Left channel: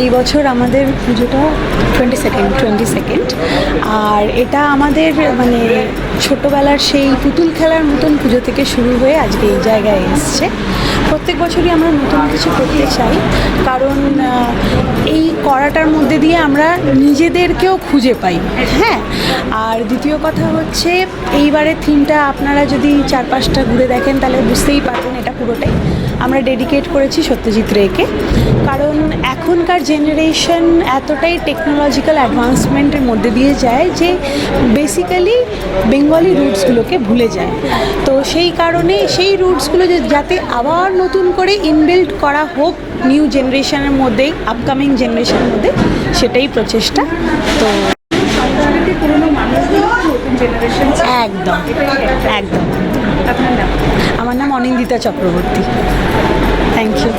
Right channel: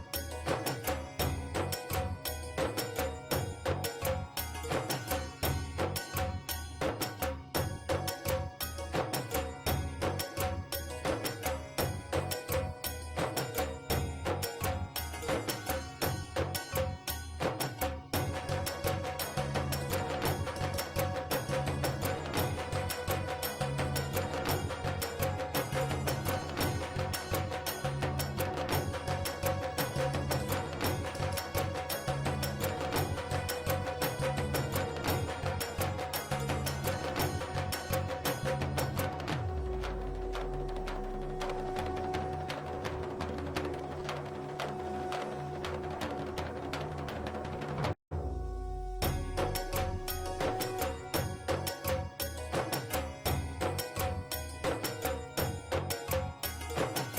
এই বছর আমাদের পুজোটা 22nd, আর এটা আমাদের মানে ছোটোবেলার সেই পুতুল খেলার মতন পুজো থেকে শুরু হয়ে আজকে এই জায়গায় এসছে। প্রত্যেক বছরই আমরা নতুন কিছু করতে চাই, কারণ এই করাটার মধ্যে দিয়ে আমরা নিজেদেরকেও খুঁজে পাই। হ্যাঁ, আর দ্বিতীয় কথা হচ্ছে এইবারের থিমটা আপনারা যদি চারপাশটা ঘুরে দেখেন তাহলে বুঝতেই পারবেন এটা পুরোটাই আমরা ডেডিকেট করেছি সত্যজিৎ রেকে। কারণ এখনকার জেনারেশন এতটাই টেকনোলজিক্যাল অ্যাডভান্সমেন্টের মধ্যে দিয়ে যায় যে বেসিক্যালি বেঙ্গলি রুটসগুলোকে ভুলে যায়। তো সেই কারণে সেই রুটসগুলো যাতে আবার নতুন করে ইনবিল্ড করা হোক নিউ জেনারেশনের মধ্যে, আপকামিং জেনারেশনের মধ্যে, সেটাই প্রচেষ্টা। তো একদম একদম। আমার নাম অনিন্দিতা চক্রবর্তী। Thank you.